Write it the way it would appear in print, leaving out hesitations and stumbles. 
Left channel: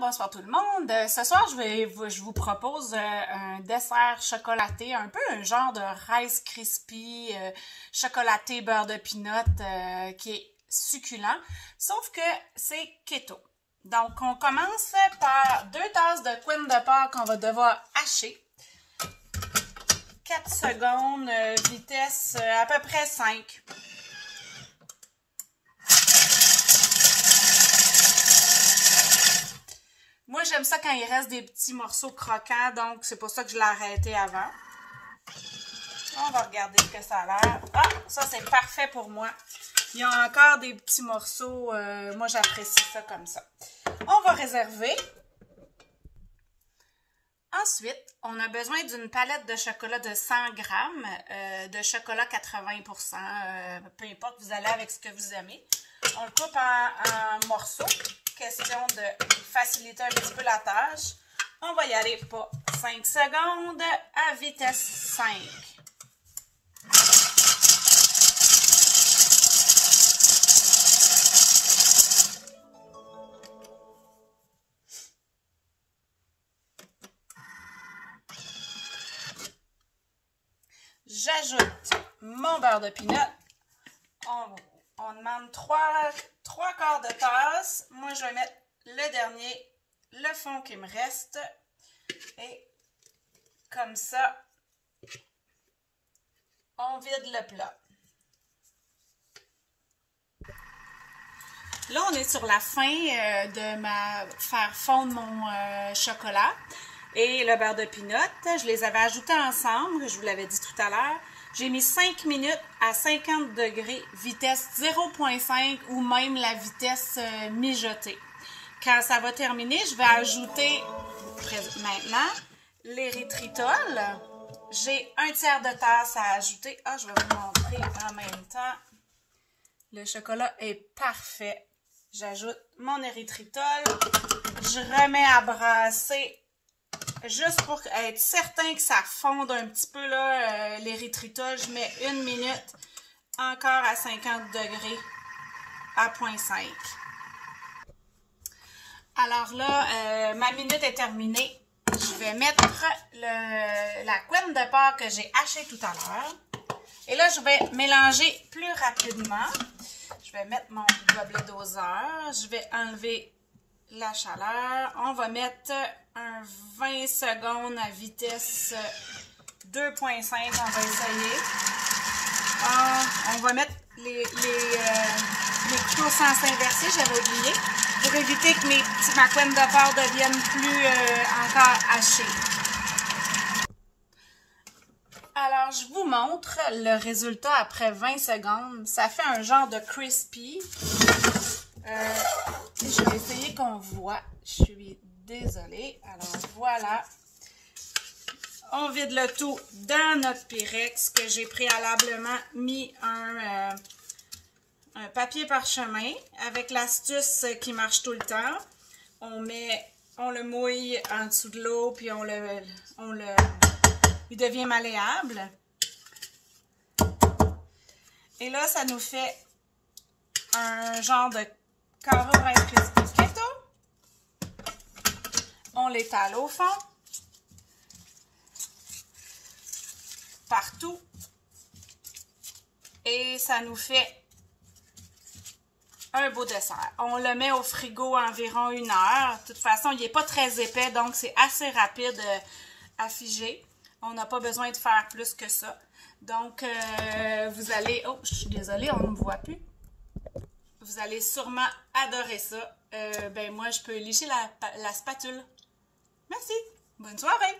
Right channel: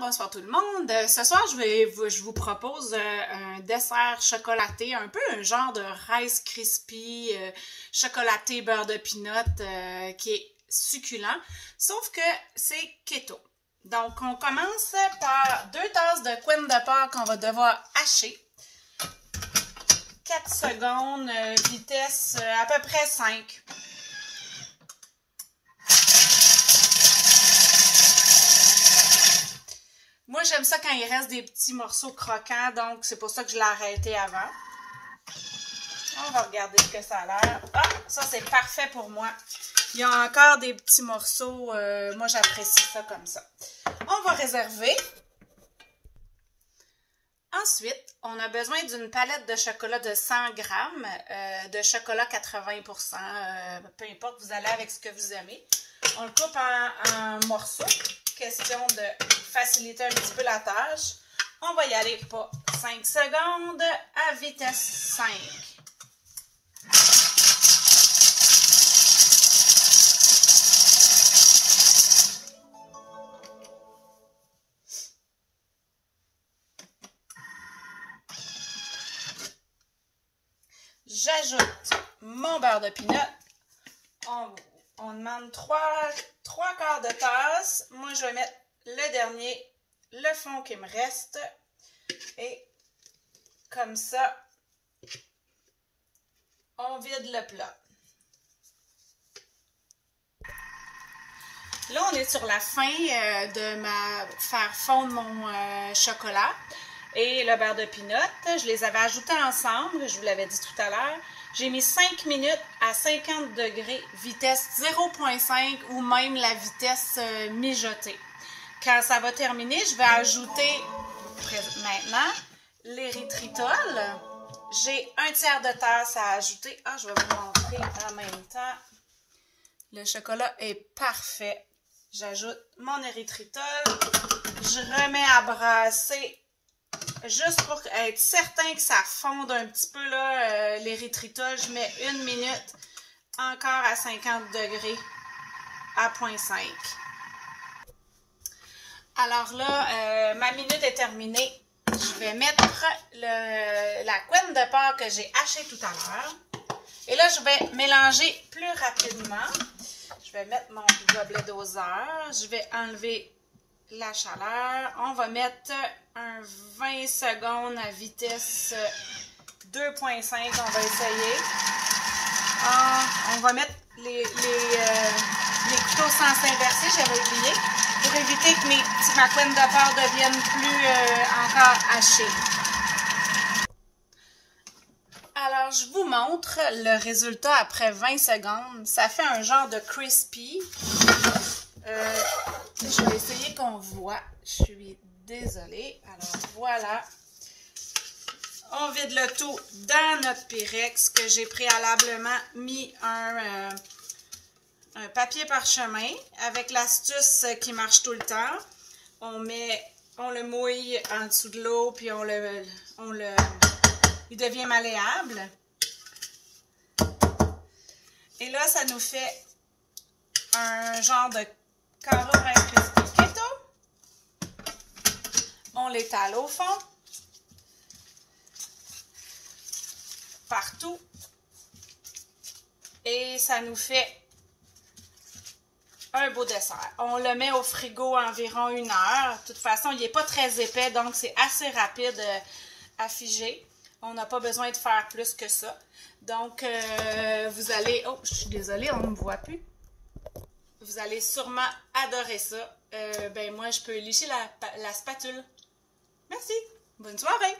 bonsoir tout le monde. Ce soir, je vous propose un dessert chocolaté, un peu un genre de Rice Krispies chocolaté beurre de peanut qui est succulent, sauf que c'est keto. Donc, on commence par 2 tasses de crème de porc qu'on va devoir hacher. 4 secondes, vitesse à peu près 5. Moi, j'aime ça quand il reste des petits morceaux croquants, donc c'est pour ça que je l'ai arrêté avant. On va regarder ce que ça a l'air. Ah, ça c'est parfait pour moi. Il y a encore des petits morceaux, moi j'apprécie ça comme ça. On va réserver. Ensuite, on a besoin d'une palette de chocolat de 100 grammes, de chocolat 80%, peu importe, vous allez avec ce que vous aimez. On le coupe en morceaux, question de faciliter un petit peu la tâche. On va y aller pour 5 secondes à vitesse 5. J'ajoute mon beurre de peanut. On demande 3 quarts de tasse. Moi, je vais mettre le dernier, le fond qui me reste. Et comme ça, on vide le plat. Là, on est sur la fin de faire fondre mon chocolat et le beurre de peanut. Je les avais ajoutés ensemble, je vous l'avais dit tout à l'heure. J'ai mis 5 minutes à 50 degrés, vitesse 0.5 ou même la vitesse mijotée. Quand ça va terminer, je vais ajouter maintenant l'érythritol. J'ai 1 tiers de tasse à ajouter. Ah, je vais vous montrer en même temps. Le chocolat est parfait. J'ajoute mon érythritol. Je remets à brasser juste pour être certain que ça fonde un petit peu l'érythritol. Je mets 1 minute encore à 50 degrés à 0.5. Alors là, ma minute est terminée. Je vais mettre la crème de porc que j'ai hachée tout à l'heure. Et là, je vais mélanger plus rapidement. Je vais mettre mon gobelet doseur. Je vais enlever la chaleur. On va mettre un 20 secondes à vitesse 2.5. On va essayer. On va mettre les couteaux sans s'inverser. J'avais oublié. Pour éviter que ma crème de porc devienne plus encore hachée. Alors, je vous montre le résultat après 20 secondes. Ça fait un genre de crispy. Je vais essayer qu'on voit. Je suis désolée. Alors, voilà. On vide le tout dans notre Pyrex que j'ai préalablement mis un papier parchemin avec l'astuce qui marche tout le temps. On le mouille en dessous de l'eau puis il devient malléable. Et là, ça nous fait un genre de carreau Rice Krispies keto. On l'étale au fond. Partout. Et ça nous fait un beau dessert. On le met au frigo environ 1 heure. De toute façon, il n'est pas très épais, donc c'est assez rapide à figer. On n'a pas besoin de faire plus que ça. Donc, vous allez... Oh, je suis désolée, on ne me voit plus. Vous allez sûrement adorer ça. Moi, je peux lécher la spatule. Merci. Bonne soirée.